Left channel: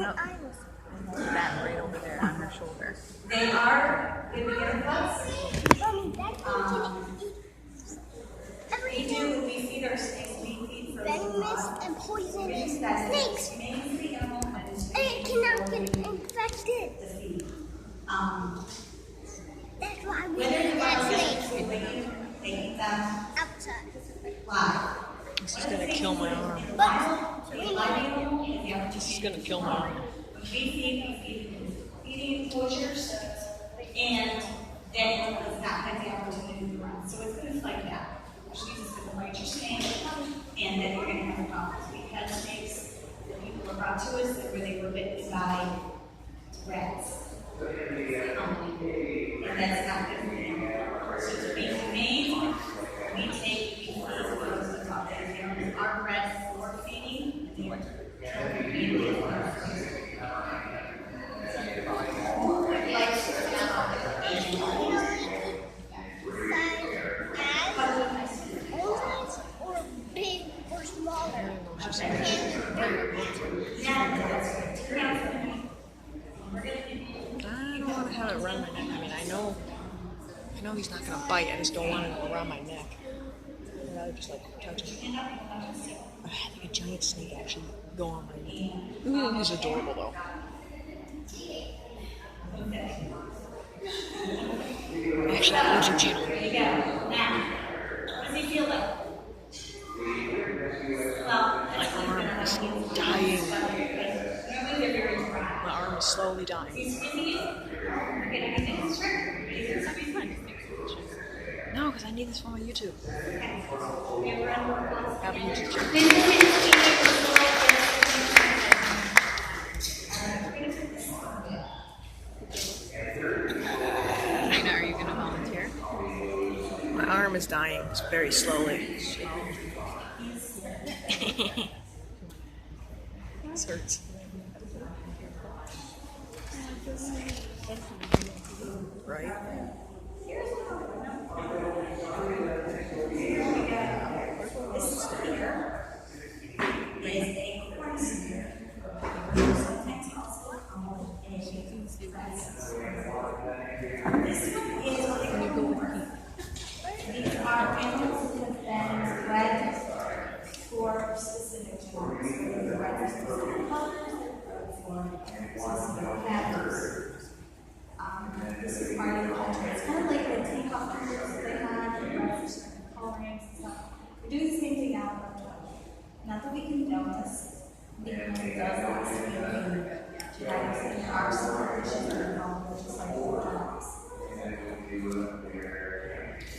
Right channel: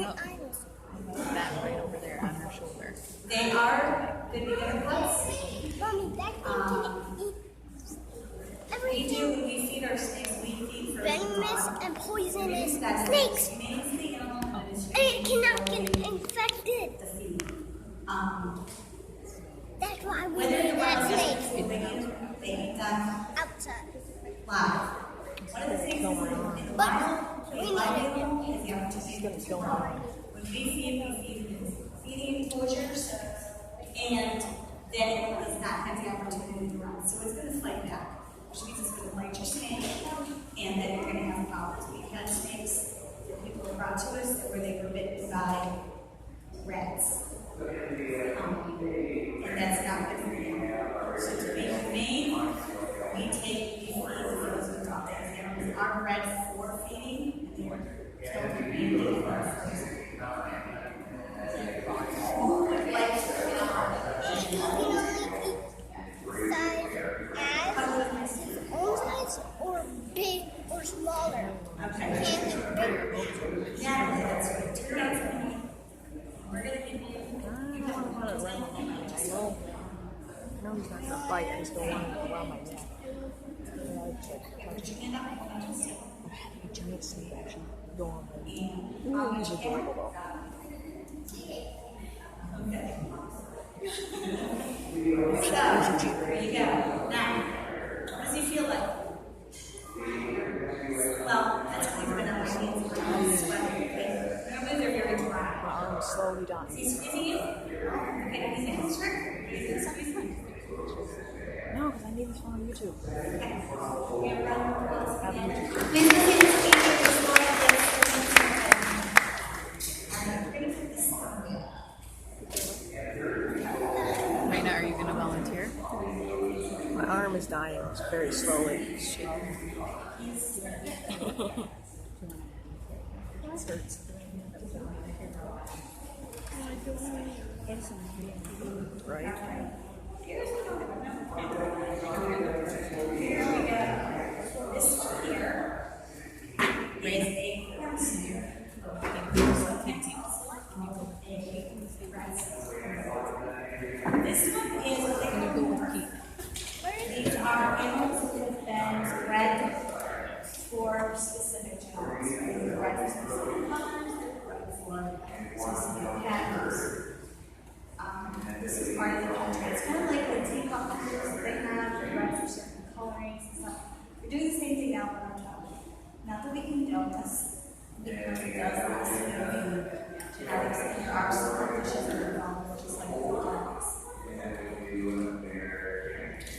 Nope. That right over there on her shoulder. They are good beginner clubs. We do, we feed our snakes, we feed for venomous and poisonous snakes. And it cannot get infected. That's why we need that snake. They eat them Outside. live. This is gonna kill my arm. But we need it. This is gonna kill my arm. When we feed feeding enclosures, and then it does not have the opportunity to run. So it's going to fight back, which means it's going to bite your snake, and then you're going to have problems. We had snakes that people were brought to us that where they were bitten by rats. And that's not good for you. So to be humane, we feed those we talk to. They are bred for feeding, and they are killed for being Or big or smaller. I don't want to have it around my neck. I mean, I know he's not gonna bite. I just don't want it around my neck. And I would just like touch him. I've had like a giant snake actually go on my neck. Ooh, he's adorable though. Actually, that was a cheater. There you go. Now, what does he feel like? Well, that's what My arm is dying. My arm is slowly dying. No, because I need this for my YouTube. I have a YouTube channel. Are you going to volunteer? My arm is dying very slowly. This hurts. Right? These are animals that have been bred for specific jobs. They're bred for specific colors, they're bred for specific patterns. This is part of the culture. It's kind of like the teacup hunters that they have, they're bred for certain colorings and stuff. We're doing the same thing now with our dog. Not that we condone this, because it does last a year. There are some conditions that are involved, just like with dogs.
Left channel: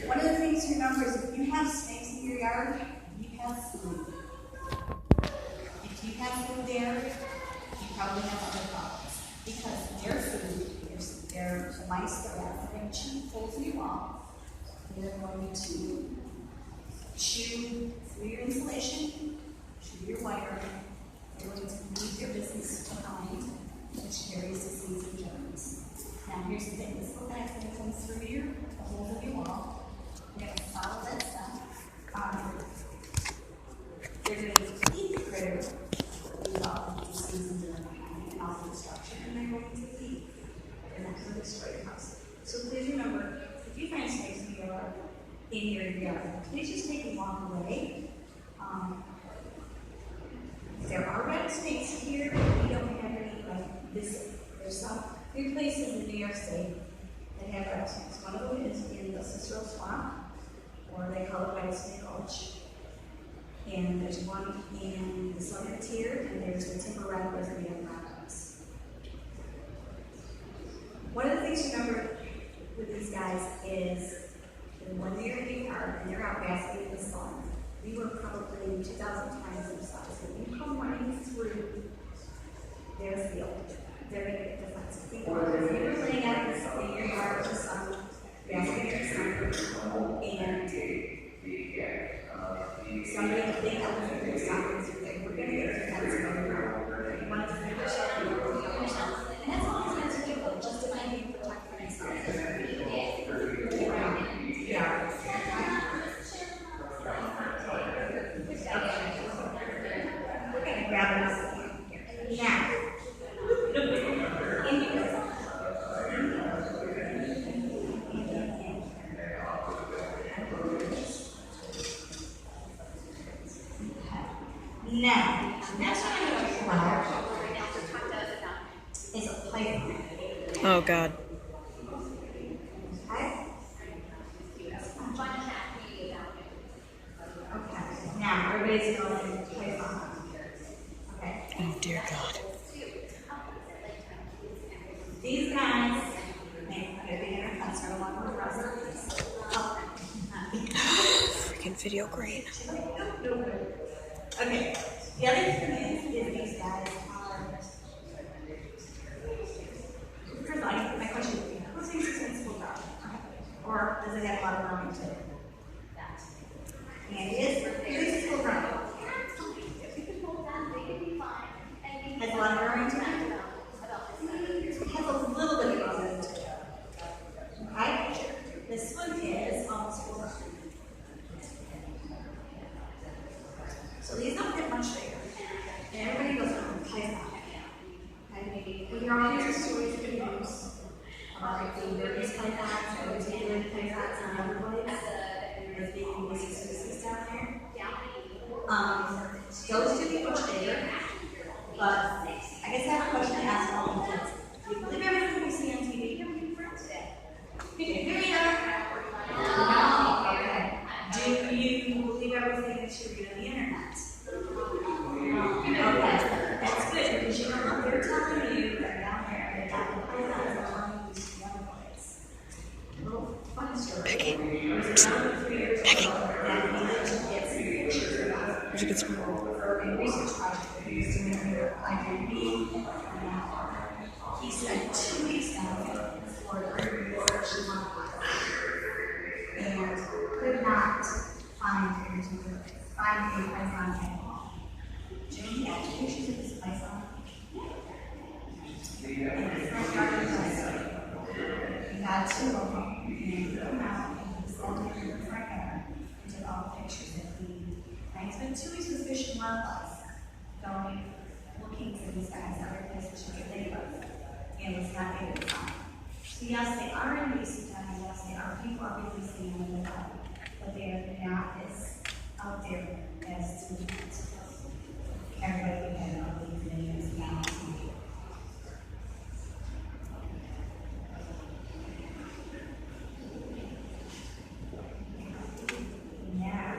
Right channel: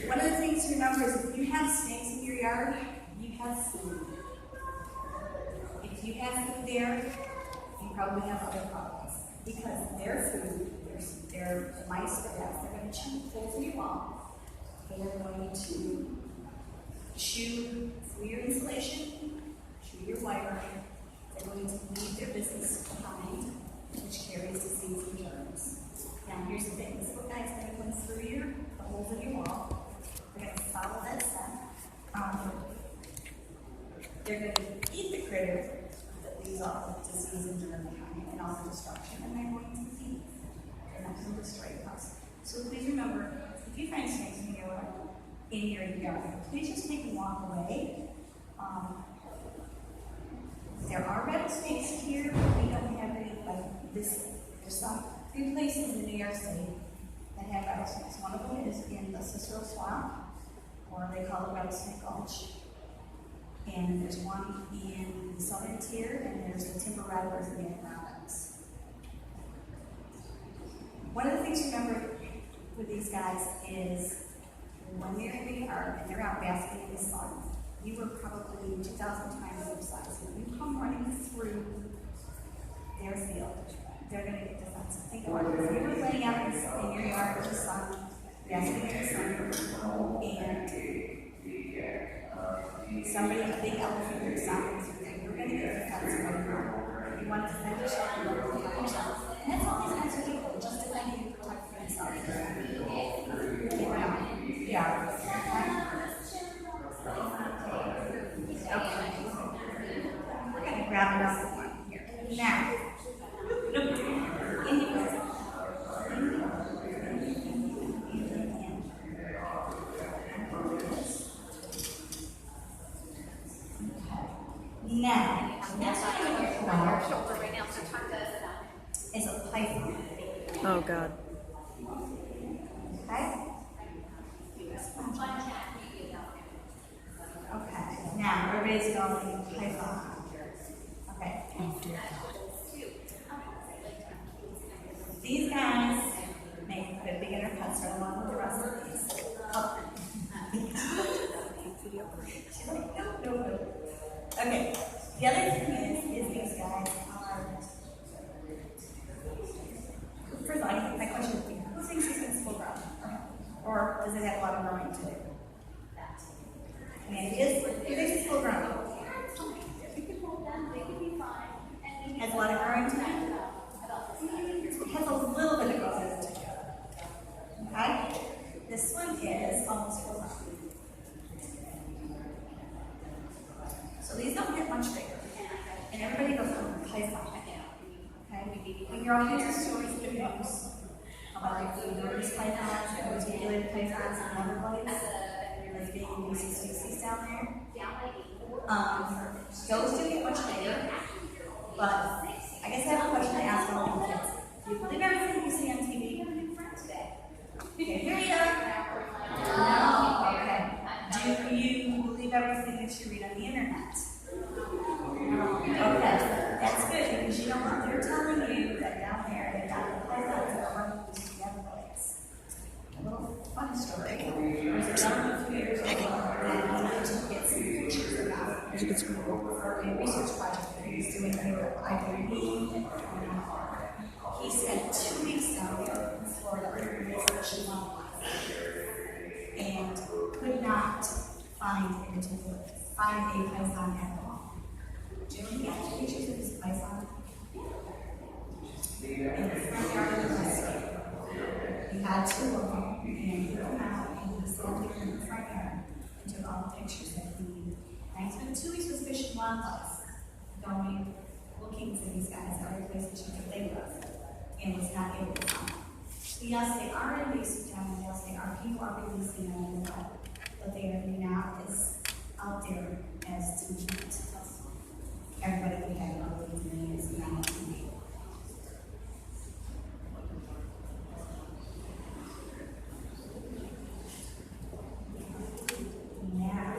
One of the things to remember is if you have snakes in your yard, you have food. If you have food there, you probably have other problems. Because their food, their mice, the rats, they're going to chew holes in your wall. They're going to chew through your insulation, chew your wire. They're going to leave their business behind, which carries disease and germs. Now here's the thing, this little guy's going to come through the holes in your wall. They're going to follow that stuff. They're going to eat the critter, leave all the disease and germ behind, and all the destruction, and they're going to leave. They're not going to destroy your house. So please remember, if you find snakes in your yard, please just take a walk away. There are rattlesnakes here. We don't have any like this. There's some few places in New York State that have rattlesnakes. One of them is in the Cicero Swamp, or they call it Rattlesnake Gulch. And there's one in the southern tier, and there's the timber rattlers in the Adirondacks. One of the things to remember with these guys is that when they're in the yard and they're out basking in the sun, we were probably 2,000 times their size. When you come running through their field, they're going to get defensive. Think about it. If you're laying out in your yard with the sun, basking in the sun, and somebody with a big elephant is stopping through there, we're going to get defensive. You want to defend yourself, you want to protect yourself. And that's all these guys are doing, just defend you, protect for yourself. Yeah. We're going to grab another one here. Now, Now, the next one I'm going to talk about is a python. Oh God. Okay? Okay. Now, everybody's going to python. Okay. Oh dear God. These guys make a beginner customer along with the rest of these. Freaking video grain. Okay. The other thing is these guys are. First of all, my question would be, who thinks this is full grown? Or does it have a lot of learning to it? And it is. Who thinks it's full grown? Has a lot of growing to it. It has a little bit of growth to it. Okay? This one is almost full grown. So these don't get much bigger. And everybody goes on python. Okay? But you're all hearing stories of videos about the various pythons and particular pythons on other blades. There's big species down there. Those do get much bigger. But I guess I have a question to ask all the kids. Do you believe everything you see on TV? No. Okay. Do you believe everything that you read on the internet? Okay. That's good because you know what they're telling you that down there they got the pythons that are used to the other boys. A little funny story. There was a gentleman 3 years ago that needed to get some pictures about There's a good squirrel. for a research project that he was doing under IDB. He spent 2 weeks down there in Florida researching one and could not find a python at all. Do you have pictures of this python? In the front yard of the house. He had 2 of them, and he put them out, and he sat there in the front yard and took all the pictures that he. Now he spent 2 weeks with Fish and Wildlife, going looking for these guys other places you could think of, and was not able to find them. So yes, they are invasive down here. Yes, they are. People are releasing them in the wild, but they are not as out there as to everybody we had about these names now. Now,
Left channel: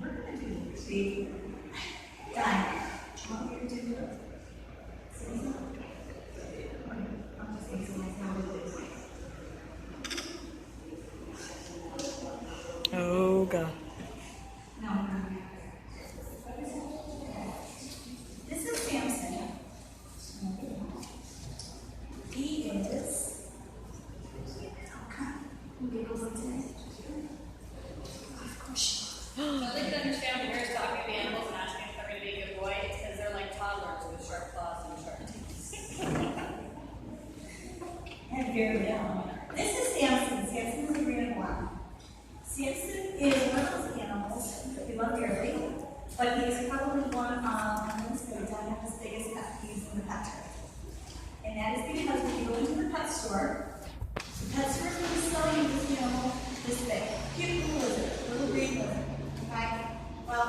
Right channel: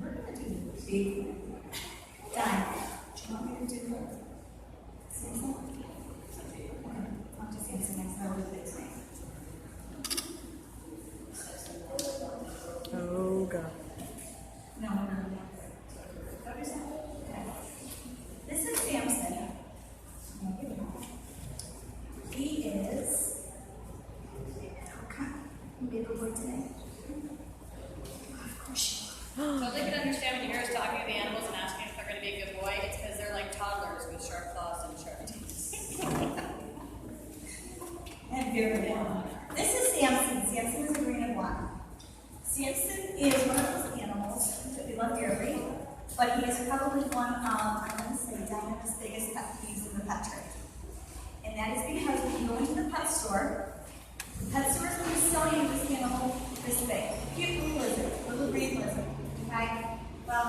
we're going to do the diamond. Do you want me to do it? Susan? Okay, I'll just say some nice numbers this way. Oh God. No. This is Samson. He is. Okay. Big boy today. Of course. So they can understand when you hear us talking to the animals and asking if they're going to be a good boy, it's because they're like toddlers with sharp claws and sharp teeth. And very young. This is Samson. Samson is a green one. Samson is one of those animals that we love dearly, but he is probably one of, I'm going to say, Diana's biggest pet peeves in the pet trade. And that is because when you go into the pet store is going to sell you this animal this big. Cute little lizard, little green lizard. Okay? Well,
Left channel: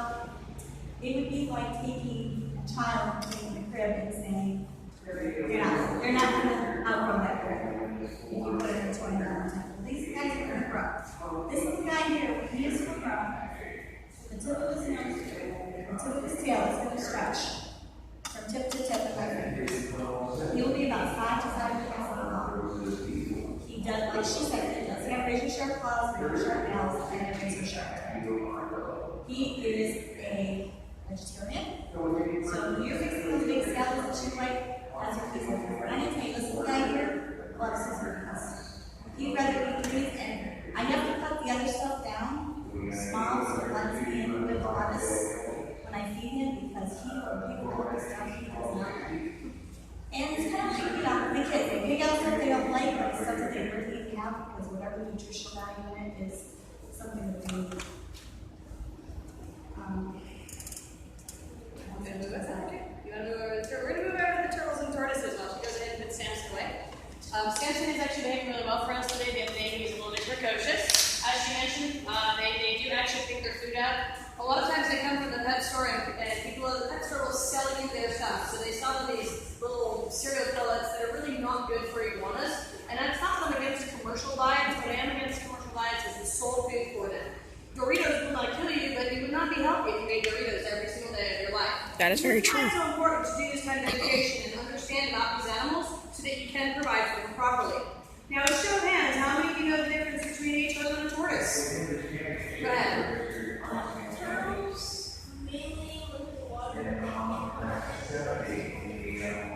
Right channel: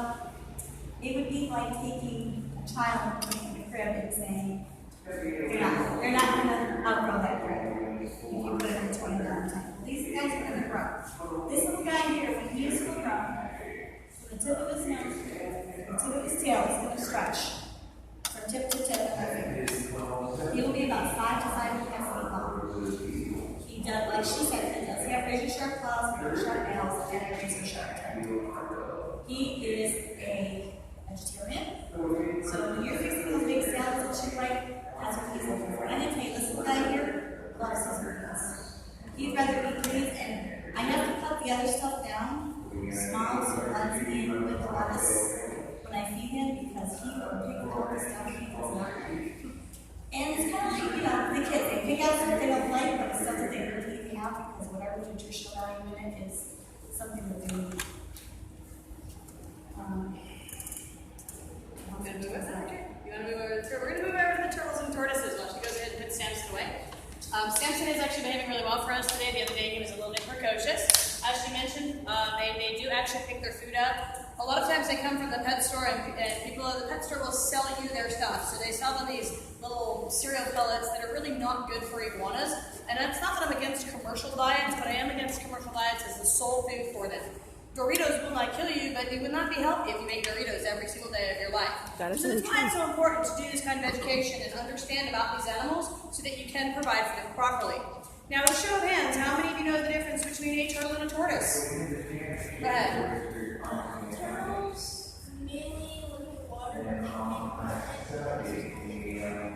it would be like taking a child and putting in a crib and saying, they're not going to outgrow that crib if you put it in 20 time. These guys are going to grow. This little guy here, he is going to grow. So the tip of his nose, the tip of his tail is going to stretch from tip to tip. He will be about 5 to 5.5 feet long. He does, like she said, he does have razor sharp claws, razor sharp nails, and a razor sharp tail. He is a vegetarian. So you're fixing those big salads that you like, that's what he's looking for. And I tell you, this little guy here loves his meats. He'd rather eat meat, and I have to cut the other stuff down, small, so it lets me in with the lettuce when I feed him, because he will pick all the stuff he does not like. And it's kind of like, the kids, they pick out stuff they don't like, but it's stuff that they really have, because whatever nutritional value in it is something that they need. We're going to move over to the turtles and tortoises while she goes ahead and puts Samson away. Samson is actually behaving really well for us today. The other day he was a little bit precocious. as she mentioned, they do actually pick their food up. A lot of times they come from the pet store, and people at the pet store will sell you their stuff. So they sell them these little cereal pellets that are really not good for iguanas. And it's not that I'm against commercial diets, but I am against commercial diets as the sole food for them. Doritos will not kill you, but you would not be healthy if you ate Doritos every single day of your life. That is very true. It's so important to do this kind of education and understand about these animals so that you can provide for them properly. Now, with show of hands, how many of you know the difference between a turtle and a tortoise? Go ahead. Turtles mainly live in the water.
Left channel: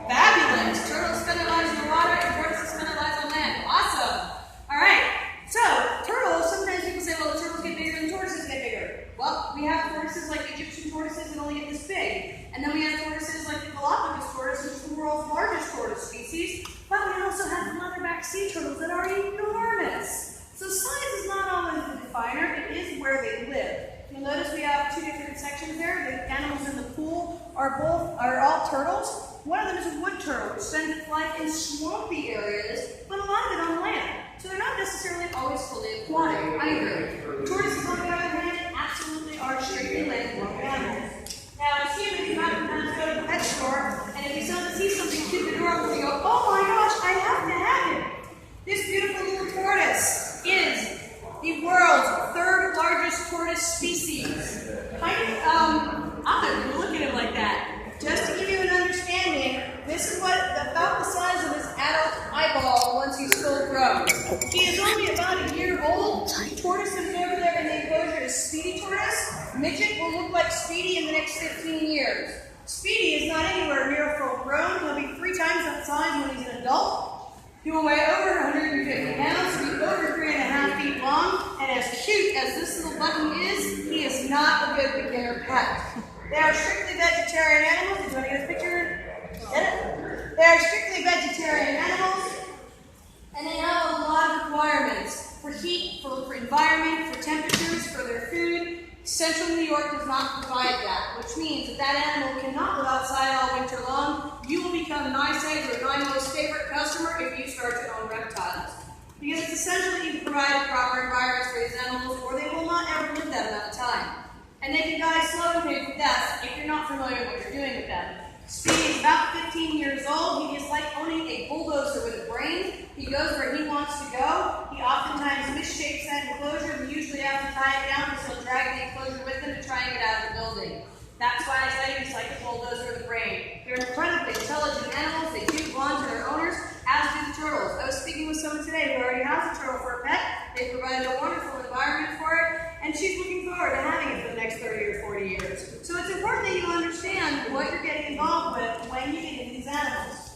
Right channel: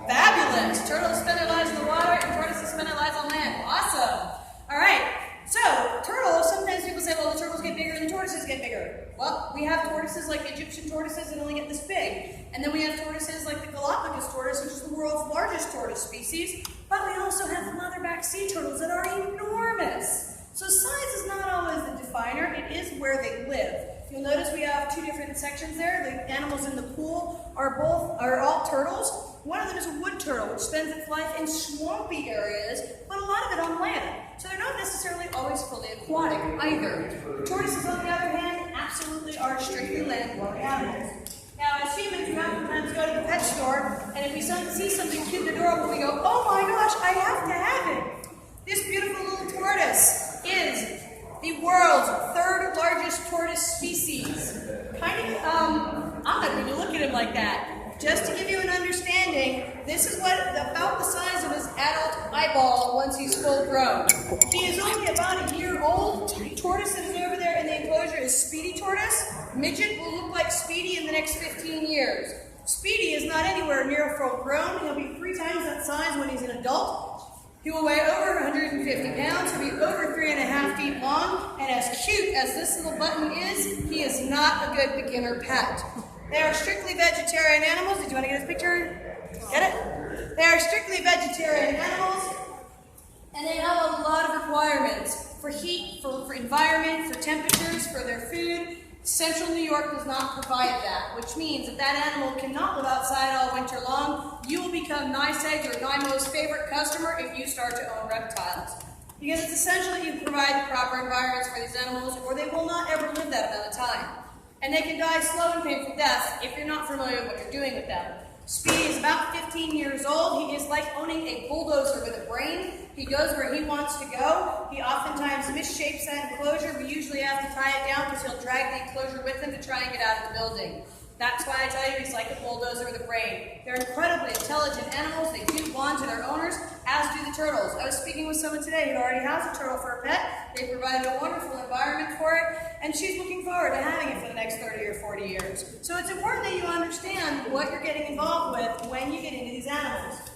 Fabulous! Turtles spend their lives in the water, and tortoises spend their lives on land. Awesome! All right. So, turtles, sometimes people say, well, the turtles get bigger and tortoises get bigger. Well, we have tortoises like Egyptian tortoises that only get this big. And then we have tortoises like the Galapagos tortoise, which is the world's largest tortoise species. But we also have leatherback sea turtles that are enormous. So size is not always the definer, it is where they live. You'll notice we have two different sections there. The animals in the pool are all turtles. One of them is a wood turtle, which spends its life in swampy areas, but a lot of it on land. So they're not necessarily always fully aquatic either. Tortoises, on the other hand, absolutely are strictly land-dwelling animals. Now, as humans, you oftentimes go to the pet store, and if you see something cute and adorable, you go, oh my gosh, I have to have it. This beautiful little tortoise is the world's third largest tortoise species. I'm not going to look at him like that. Just to give you an understanding, this is about the size of his adult eyeball once he's full grown. He is only about a year old. The tortoise that is over there in the enclosure is Speedy tortoise. Midget will look like Speedy in the next 15 years. Speedy is not anywhere near full grown. He'll be 3 times that size when he's an adult. He will weigh over 150 pounds, he'll be over 3.5 feet long, and as cute as this little button is, he is not a good beginner pet. They are strictly vegetarian animals. Did you want to get a picture? Get it? They are strictly vegetarian animals, and they have a lot of requirements for heat, for environment, for temperatures, for their food. Central New York does not provide that, which means that animal cannot live outside all winter long. You will become NYS or my most favorite customer if you start to own reptiles. Because it's essential that you provide the proper environments for these animals, or they will not ever live that amount of time. And they can die slow and painful deaths if you're not familiar with what you're doing with them. Speedy is about 15 years old. He is like owning a bulldozer with a brain. He goes where he wants to go. He oftentimes misshapes that enclosure. We usually have to tie it down because he'll drag the enclosure with him to try and get out of the building. That's why I tell you he's like a bulldozer with a brain. They're incredibly intelligent animals. They do bond to their owners, as do the turtles. I was speaking with someone today who already has a turtle for a pet. They provided a wonderful environment for it, and she's looking forward to having it for the next 30 or 40 years. So it's important that you understand what you're getting involved with when you get into these animals.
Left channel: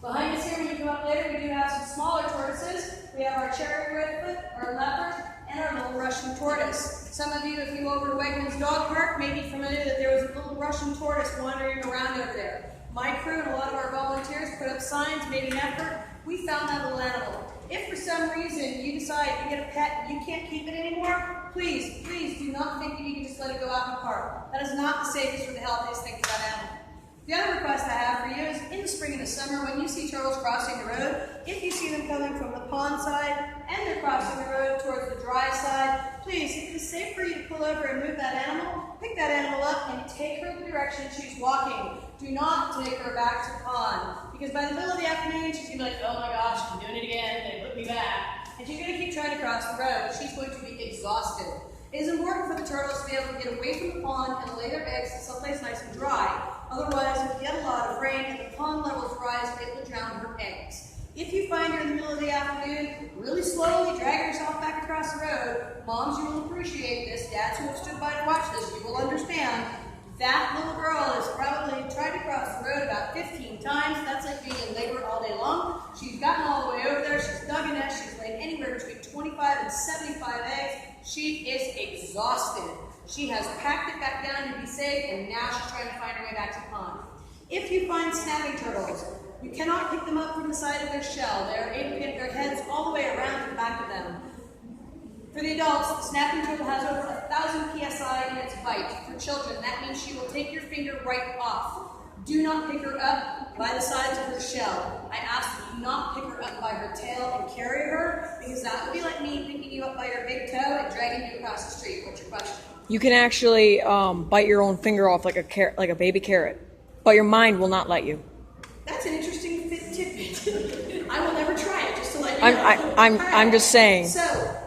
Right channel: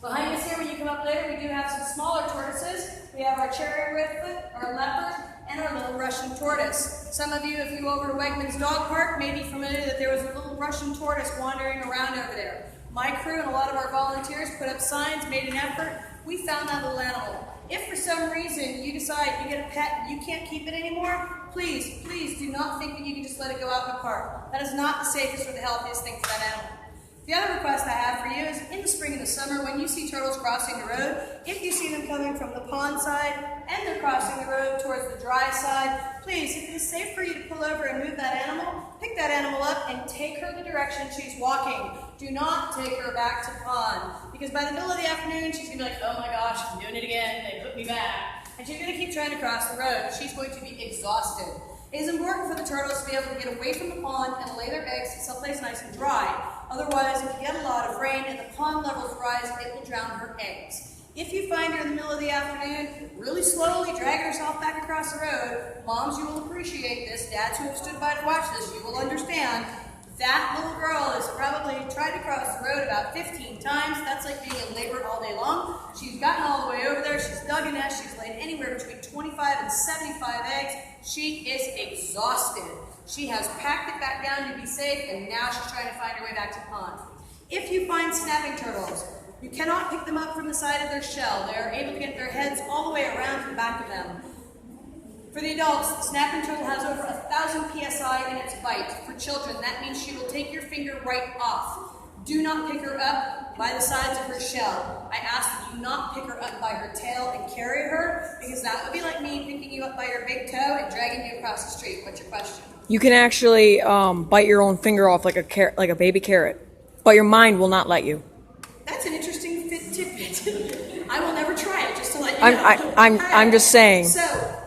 Behind us here, when you come up later, we do have some smaller tortoises. We have our cherry redfoot, our leopard, and our little Russian tortoise. Some of you, if you go over to Wegmans Dog Park, may be familiar that there was a little Russian tortoise wandering around over there. My crew and a lot of our volunteers put up signs, made an effort. We found that little animal. If for some reason you decide to get a pet and you can't keep it anymore, please do not think that you can just let it go out in the park. That is not the safest or the healthiest thing for that animal. The other request I have for you is in the spring and the summer, when you see turtles crossing the road, if you see them coming from the pond side and they're crossing the road towards the dry side, please, if it is safe for you to pull over and move that animal, pick that animal up and take her the direction she's walking. Do not take her back to the pond, because by the middle of the afternoon, she's going to be like, oh my gosh, I'm doing it again, they put me back. And she's going to keep trying to cross the road. She's going to be exhausted. It is important for the turtles to be able to get away from the pond and lay their eggs someplace nice and dry. Otherwise, if you get a lot of rain and the pond levels rise, it will drown her eggs. If you find her in the middle of the afternoon, really slowly dragging herself back across the road, moms, you will appreciate this. Dads who have stood by to watch this, you will understand. That little girl has probably tried to cross the road about 15 times. That's like being in labor all day long. She's gotten all the way over there. She's dug a nest. She's laid anywhere between 25 and 75 eggs. She is exhausted. She has packed it back down to be safe, and now she's trying to find her way back to the pond. If you find snapping turtles, you cannot pick them up from the side of their shell. They are able to get their heads all the way around to the back of them. For the adults, the snapping turtle has over 1,000 psi in its bite. For children, that means she will take your finger right off. Do not pick her up by the sides of her shell. I ask that you not pick her up by her tail and carry her, because that would be like me picking you up by your big toe and dragging you across the street. What's your question? You can actually bite your own finger off like a baby carrot, but your mind will not let you. That's an interesting tidbit. I will never try it, just to let you know. I'm just saying. So,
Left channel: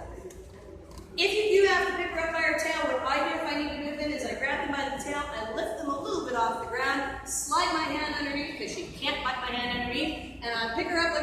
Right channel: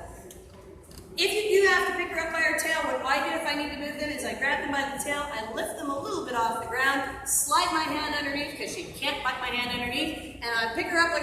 if you do have to pick her up by her tail, what I do if I need to move them is I grab them by the tail, I lift them a little bit off the ground, slide my hand underneath because she can't bite my hand underneath, and I pick her up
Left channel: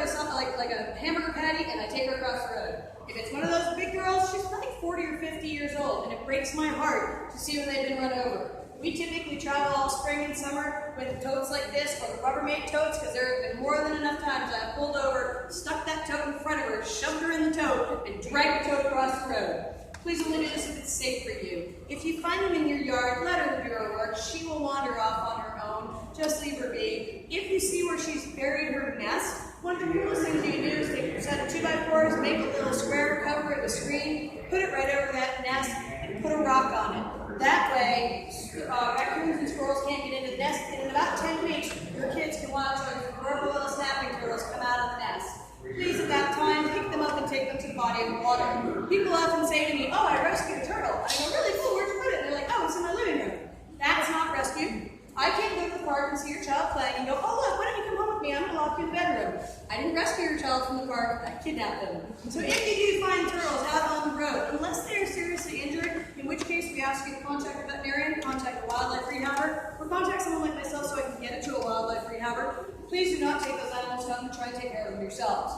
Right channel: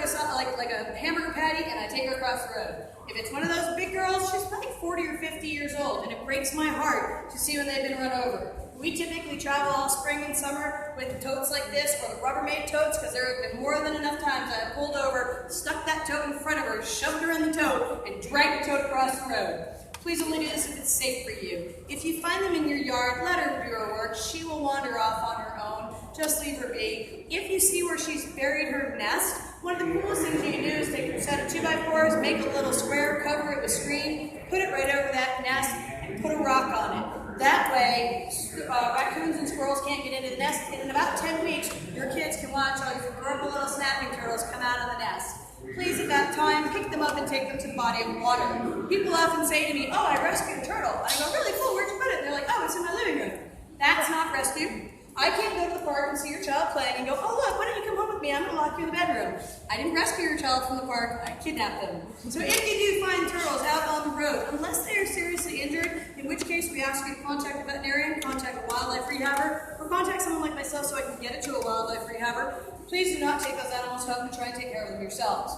like a hamburger patty, and I take her across the road. If it's one of those big girls, she's probably 40 or 50 years old, and it breaks my heart to see when they've been run over. We typically travel all spring and summer with totes like this, or the Rubbermaid totes, because there have been more than enough times I have pulled over, stuck that tote in front of her, shoved her in the tote, and dragged the tote across the road. Please only do this if it's safe for you. If you find them in your yard, let her do her work. She will wander off on her own. Just leave her be. If you see where she's buried her nest, one of the coolest things you can do is take a set of 2x4s, make a little square, cover it with screen, put it right over that nest, and put a rock on it. That way, raccoons and squirrels can't get into the nest, and in about 10 weeks, your kids can watch all your adorable little snapping turtles come out of the nest. Please, at that time, pick them up and take them to the body of water. People often say to me, oh, I rescued a turtle. I go, really cool, where'd you put it? And they're like, oh, it's in my living room. That's not rescue. I can't go to the park and see your child playing and go, oh, look, why don't you come home with me? I'm going to lock you in the bedroom. I didn't rescue your child from the park. I kidnapped them. So if you do find turtles out on the road, unless they are seriously injured, in which case we ask you to contact a veterinarian, contact a wildlife rehabber, or contact someone like myself so I can get it to a wildlife rehabber, please do not take those animals home and try and take care of them yourselves.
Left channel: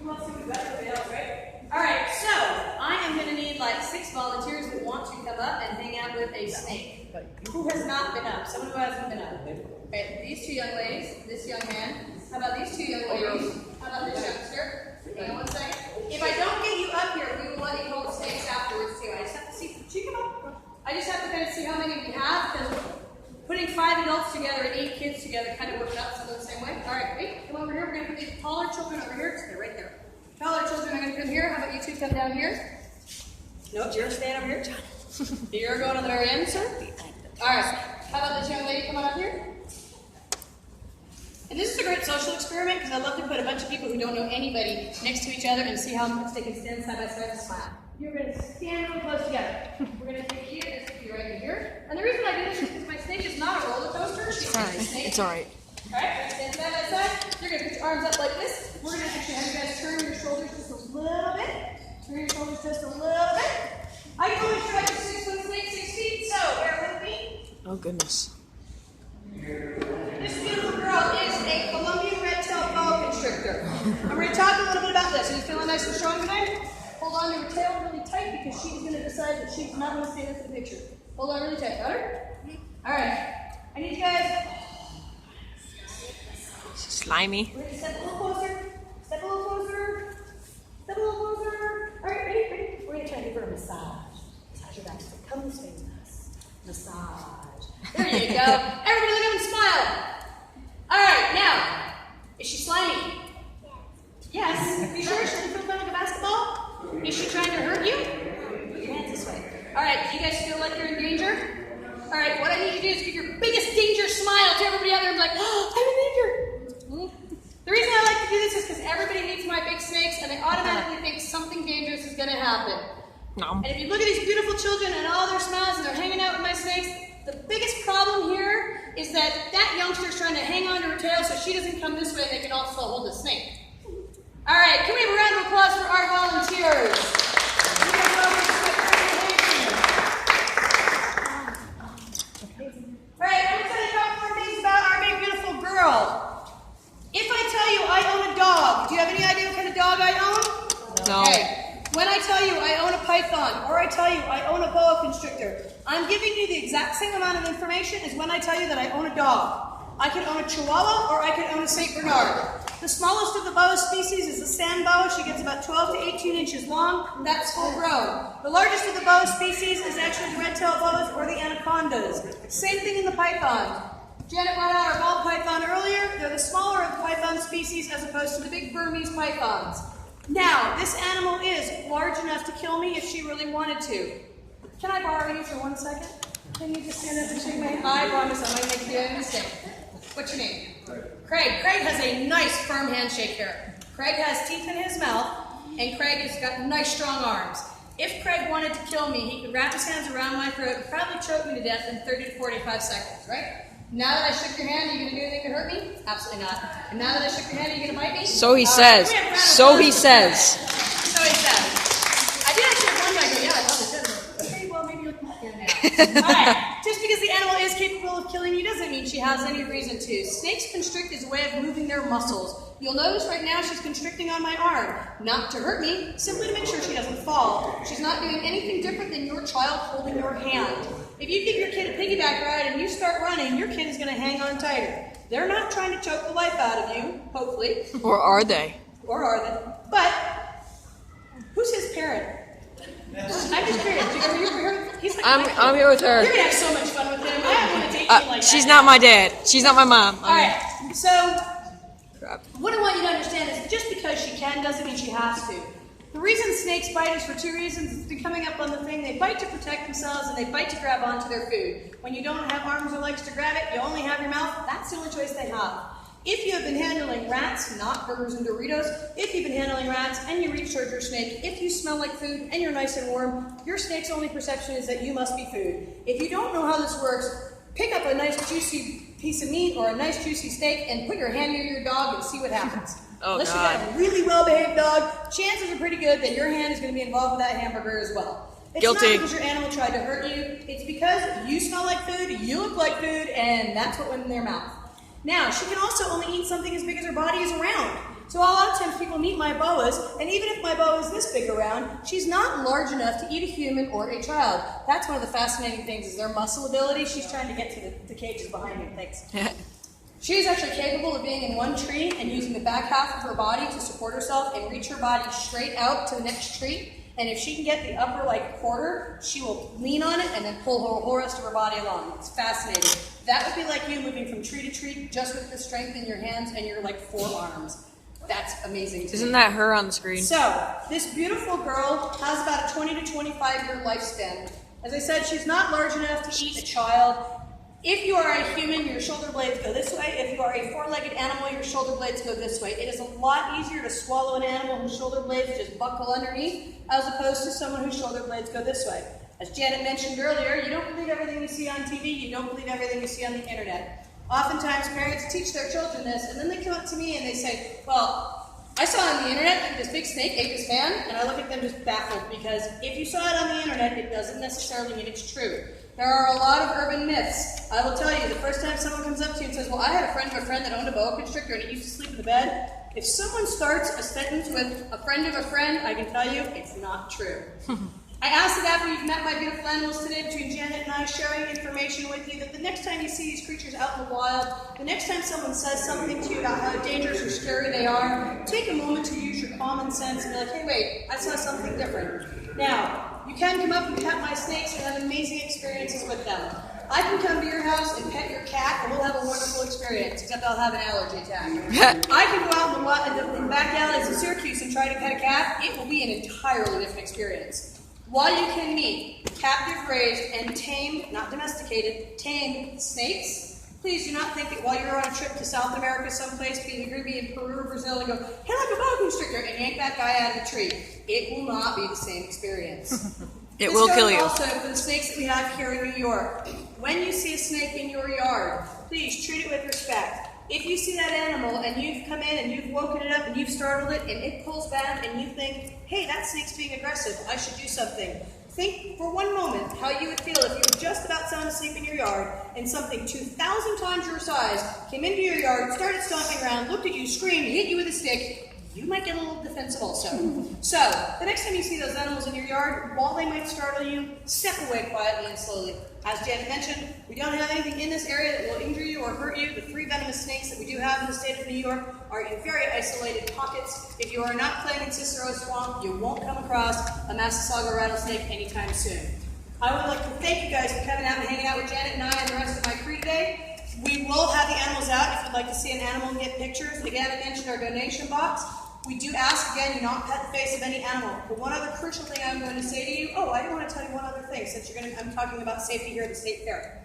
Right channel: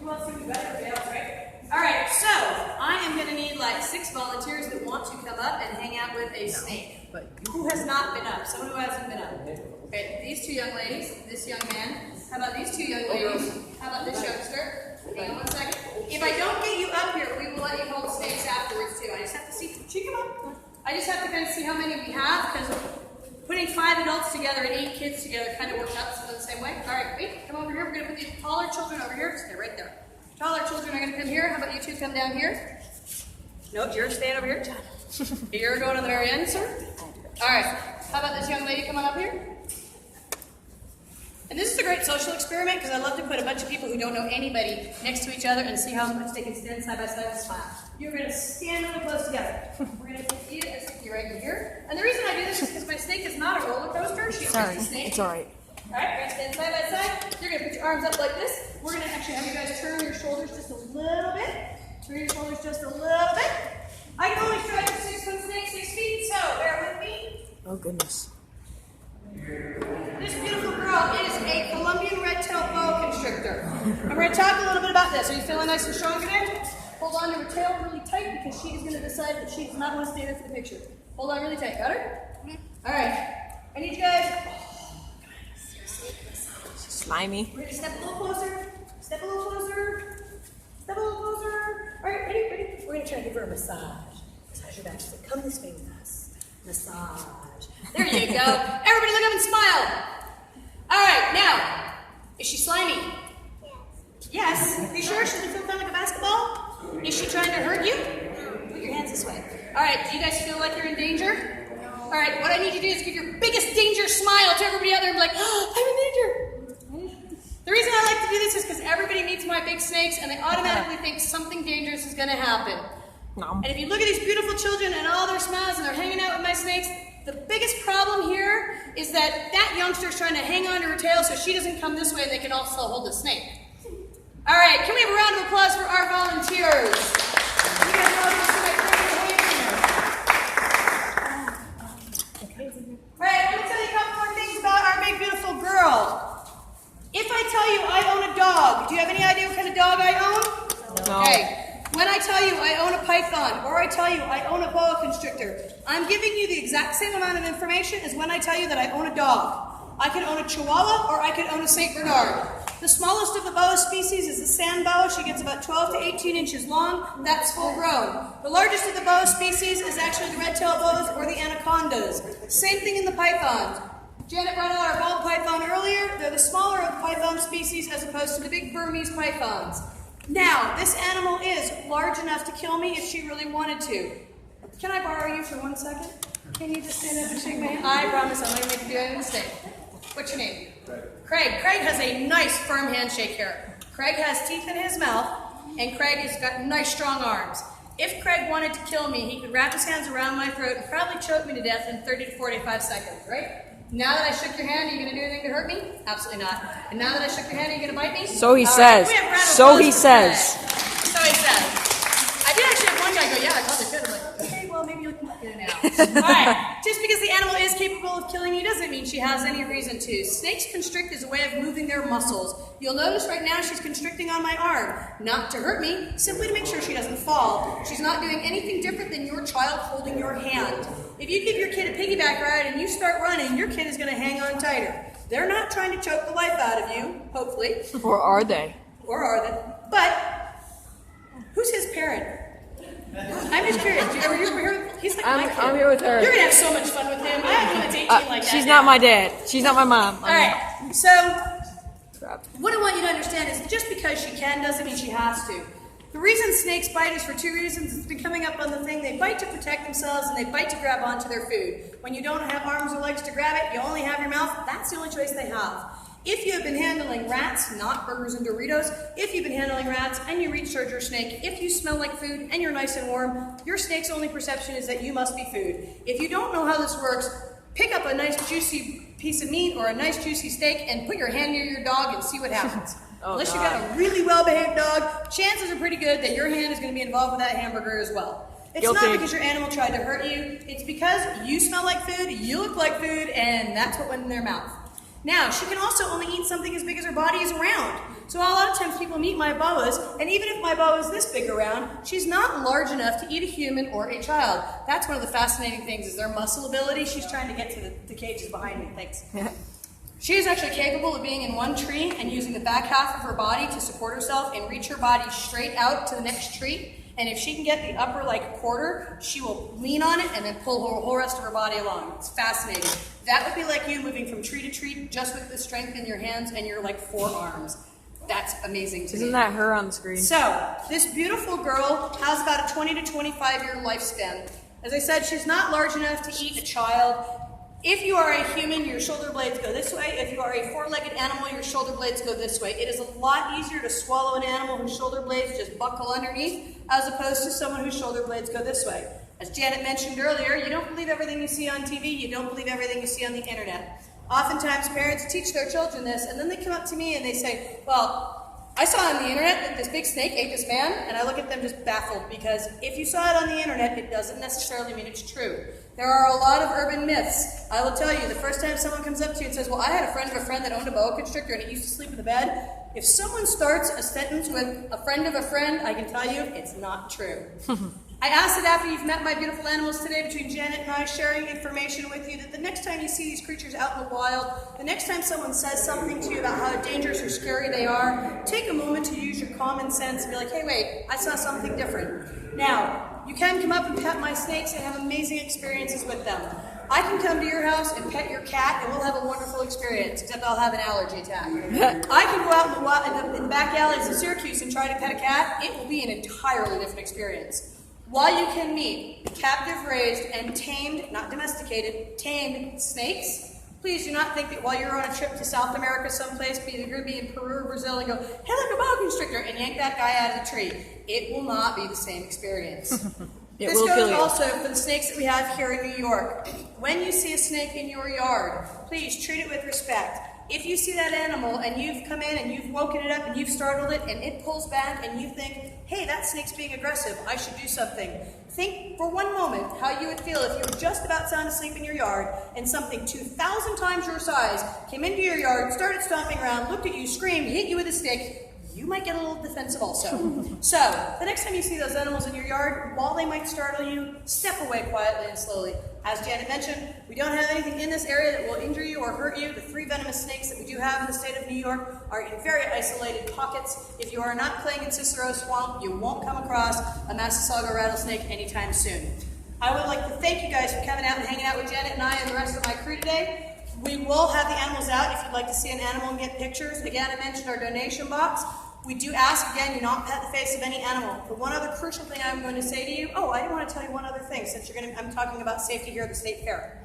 Who else do we got? Everybody else, right? Alright, so I am going to need like 6 volunteers that want to come up and hang out with a snake. Who has not been up? Someone who hasn't been up. Okay, these 2 young ladies, this young man. How about these 2 young ladies? How about this youngster? Hang on one second. If I don't get you up here, we will let you hold snakes afterwards too. I just have to see. Should you come up? I just have to kind of see how many we have, because putting 5 adults together and 8 kids together kind of works out some of the same way. Alright, wait, come over here. We're going to put these taller children over here. Stay right there. Taller children are going to come here. How about you 2 come down here? Nope, you're staying over here. You're going to the very end, sir. Alright, how about this young lady? Come on up here. And this is a great social experiment because I love to put a bunch of people who don't know anybody next to each other and see how much they can stand side by side and smile. You're going to stand really close together. We're going to take you and stick you right in here. And the reason I do this is because my snake is not a roller coaster. She's just a snake. It's alright. Alright, stand side by side. You're going to put your arms up like this. We're going to actually have you guys turn your shoulders just a little bit. Turn your shoulders just a little bit. I can only try to 6-foot snake, 6 feet, so bear with me. Oh, goodness. This beautiful girl is a Colombian red-tailed boa constrictor. I'm going to talk a little bit about this. Are you feeling nice and strong today? Hold on to her tail really tight because she's going to decide that she does not want to stay there for the picture. Hold on really tight. Got her? All right. I need you guys. She's slimy. We're going to step a little closer. Step a little closer. Step a little closer. All right, ready? Ready? We're going to try to give her a massage. Massage her back. So come this way with us. Massage. There you go. Everybody look up and smile. All right, now, is she slimy? Yes. Are you sure? She doesn't feel kind of like a basketball? Is she trying to hurt you? Put your hands this way. All right, do you guys feel like you're in danger? All right, what I need you to do is give your biggest danger smile to everybody out there and be like, oh, I'm in danger. The reason I like to do this is because everybody meets my big snakes and they automatically think something dangerous is going to happen. No. And if you look at these beautiful children and all their smiles and they're hanging out with my snakes, the biggest problem here is that that youngster's trying to hang on to her tail so she doesn't come this way and they can also hold the snake. All right, can we have a round of applause for our volunteers? You guys volunteers for my perfect hand. All right, I'm going to tell you a couple more things about our big, beautiful girl. If I tell you I own a dog, do you have any idea what kind of dog I own? No. Okay. When I tell you I own a python, or I tell you I own a boa constrictor, I'm giving you the exact same amount of information as when I tell you that I own a dog. I can own a Chihuahua, or I can own a St. Bernard. The smallest of the boa species is the sand boa. She gets about 12 to 18 inches long. That's full grown. The largest of the boa species is actually the red-tailed boas or the anacondas. Same thing in the pythons. Janet brought out our ball python earlier. They're the smaller of the python species as opposed to the big Burmese pythons. Now, this animal is large enough to kill me if she really wanted to. Can I borrow you for 1 second? Can you just stand up and shake my hand? I promise I'm not going to make you do a mistake. What's your name? Craig. Craig has a nice firm handshake here. Craig has teeth in his mouth, and Craig has got nice strong arms. If Craig wanted to kill me, he could wrap his hands around my throat and probably choke me to death in 30 to 45 seconds, right? Now that I shook your hand, are you going to do anything to hurt me? Absolutely not. And now that I shook your hand, are you going to bite me? So he All says. right, can we have a round of So applause he for says. Craig? So he says. I did actually have one guy go, yeah, I probably could. I'm like, okay, well, maybe you can get it now. All right, just because the animal is capable of killing you doesn't mean she has any reason to. Snakes constrict as a way of moving their muscles. You'll notice right now she's constricting on my arm. Not to hurt me, simply to make sure she doesn't fall. She's not doing anything different than your child holding your hand. If you give your kid a piggyback ride and you start running, your kid is going to hang on tighter. They're not trying to choke the life out of you, hopefully. Or are they? Or are they? But who's his parent? I'm just curious. Are you here? He's like my kid. I'm here with her. You're gonna have so much fun with him. I don't want to date you like that. She's not my dad. She's not my mom. All right. So Crap. what I want you to understand is just because she can doesn't mean she has to. The reason snakes bite is for two reasons. It's been coming up on the thing. They bite to protect themselves and they bite to grab onto their food. When you don't have arms or legs to grab it, you only have your mouth. That's the only choice they have. If you have been handling rats, not burgers and Doritos, if you've been handling rats and you reach towards your snake, if you smell like food and you're nice and warm, your snake's only perception is that you must be food. If you don't know how this works, pick up a nice juicy piece of meat or a nice juicy steak and put your hand near your dog and see what happens. Oh, Unless God. you got a really well-behaved dog, chances are pretty good that your hand is going to be involved with that hamburger as well. It's Guilty. not because your animal tried to hurt you, it's because you smell like food, you look like food, and that's what went in their mouth. Now, she can also only eat something as big as her body is around. So a lot of times people meet my boas, and even if my boa is this big around, she's not large enough to eat a human or a child. That's one of the fascinating things, is their muscle ability. She's trying to get to the cages behind me. Thanks. She is actually capable of being in one tree and using the back half of her body to support herself and reach her body straight out to the next tree. And if she can get the upper quarter, she will lean on it and then pull her whole rest of her body along. It's fascinating. That would be like you moving from tree to tree just with the strength in your hands and your forearms. That's amazing to me. Isn't that her on the screen? So, this beautiful girl has about a 20 to 25 year lifespan. As I said, she's not large enough to eat a child. If you are a human, your shoulder blades go this way. If you are a four-legged animal, your shoulder blades go this way. It is a lot easier to swallow an animal whose shoulder blades just buckle underneath, as opposed to someone whose shoulder blades go this way. As Janet mentioned earlier, you don't believe everything you see on TV, you don't believe everything you see on the internet. Oftentimes, parents teach their children this, and then they come up to me and they say, well, I saw on the internet that this big snake ate this man, and I look at them just baffled, because if you saw it on the internet, it doesn't necessarily mean it's true. There are a lot of urban myths. I will tell you, the first time someone comes up to you and says, well, I had a friend of a friend that owned a boa constrictor and it used to sleep in the bed. If someone starts a sentence with a friend of a friend, I can tell you it's not true. I asked that after you've met my beautiful animals today, between Janet and I, sharing information with you, that the next time you see these creatures out in the wild, the next time someone says something to you about how dangerous or scary they are, take a moment to use your common sense and be like, hey, wait, I saw something different. Now, you can come up and pet my snakes and have amazing experiences with them. I can come to your house and pet your cat and we'll have a wonderful experience, except I'll have an allergy attack. I can go out in the back alleys in Syracuse and try to pet a cat. It will be an entirely different experience. While you can meet captive raised and tamed, not domesticated, tamed snakes, please do not think that while you're on a trip to South America someplace, maybe you're going to be in Peru or Brazil and go, hey, look, a boa constrictor, and yank that guy out of the tree. It will not be the same experience. It will kill you. This goes also for the snakes that we have here in New York. When you see a snake in your yard, please treat it with respect. If you see that animal and you've come in and you've woken it up and you've startled it and it pulls back and you think, hey, that snake's being aggressive, I should do something. Think for one moment how you would feel if you were just about sound asleep in your yard and something 2,000 times your size came into your yard, started stomping around, looked at you, screamed, hit you with a stick. You might get a little defensive also. So, the next time you see those animals in your yard, while they might startle you, step away quietly and slowly. As Janet mentioned, we don't have anything in this area that will injure you or hurt you. The 3 venomous snakes that we do have in the state of New York are in very isolated pockets. If you are not playing in Cicero Swamp, you won't come across a Massasauga rattlesnake anytime soon. I would like to thank you guys for coming out and hanging out with Janet and I and the rest of my crew today. We will have the animals out if you'd like to see an animal and get pictures. Again, I mentioned our donation box. We do ask, again, you not pet the face of any animal. But one other crucial thing I'm going to say to you, I do want to tell you one other thing, since I'm talking about safety here at the state fair.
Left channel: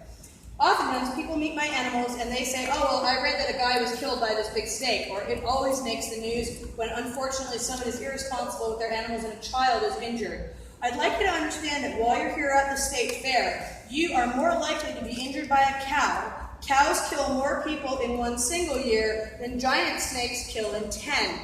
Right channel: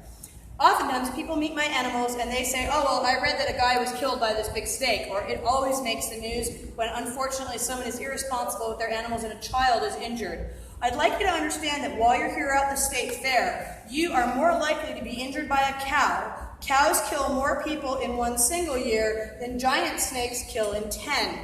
Oftentimes, people meet my animals and they say, I read that a guy was killed by this big snake, or it always makes the news when unfortunately someone is irresponsible with their animals and a child is injured. I'd like you to understand that while you're here at the state fair, you are more likely to be injured by a cow. Cows kill more people in one single year than giant snakes kill in 10.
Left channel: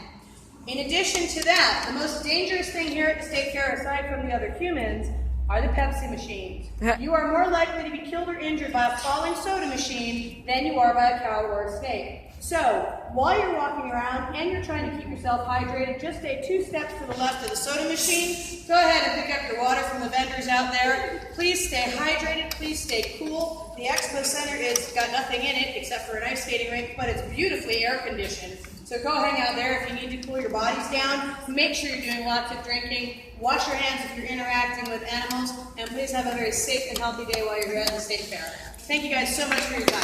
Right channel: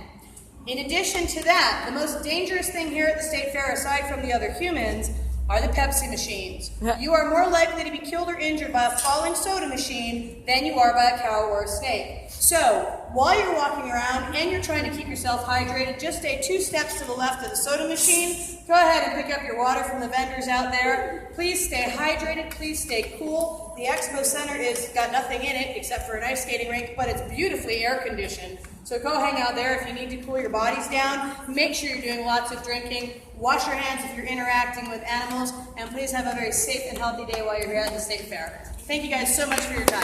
In addition to that, the most dangerous thing here at the state fair, aside from the other humans, are the Pepsi machines. You are more likely to be killed or injured by a falling soda machine than you are by a cow or a snake. So, while you're walking around and you're trying to keep yourself hydrated, just stay 2 steps to the left of the soda machine. Go ahead and pick up your water from the vendors out there. Please stay hydrated. Please stay cool. The Expo Center is got nothing in it except for an ice skating rink, but it's beautifully air conditioned. So go hang out there if you need to cool your bodies down. Make sure you're doing lots of drinking. Wash your hands if you're interacting with animals. And please have a very safe and healthy day while you're here at the state fair. Thank you guys so much for your time.